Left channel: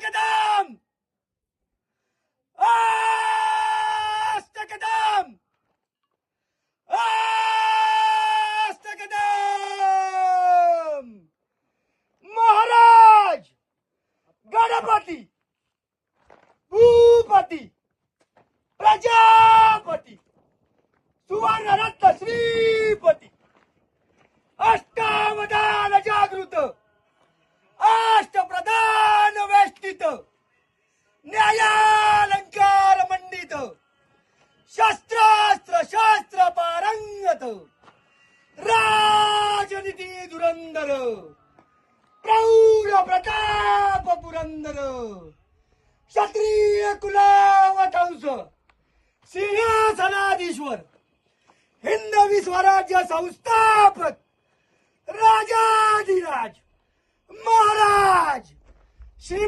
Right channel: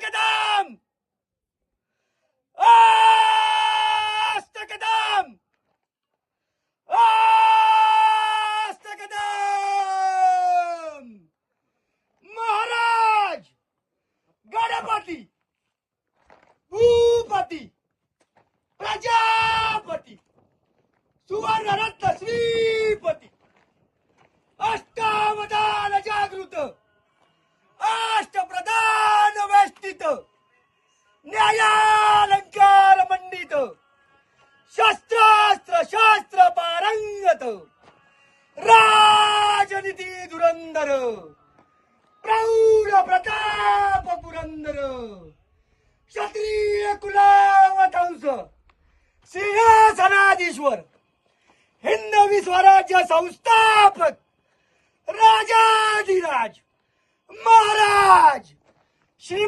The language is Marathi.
अष्टकदम अष्टकदम अष्टकदम महाराज गणपती भूपती प्रजापती सुवर्णरत्न श्रीपती अष्टावधान जागृत अष्टप्रधान वेष्टित न्यायालंकार मंडित शस्त्रास्त्र शास्त्र पारंगत राजनीती धुरंधर प्रौढ प्रताप पुरंदर क्षत्रिय कुलावतंस सिंहासनाधीश्वर हिंदवी स्वराज्य संस्थापक राजाधिराज महाराज श्री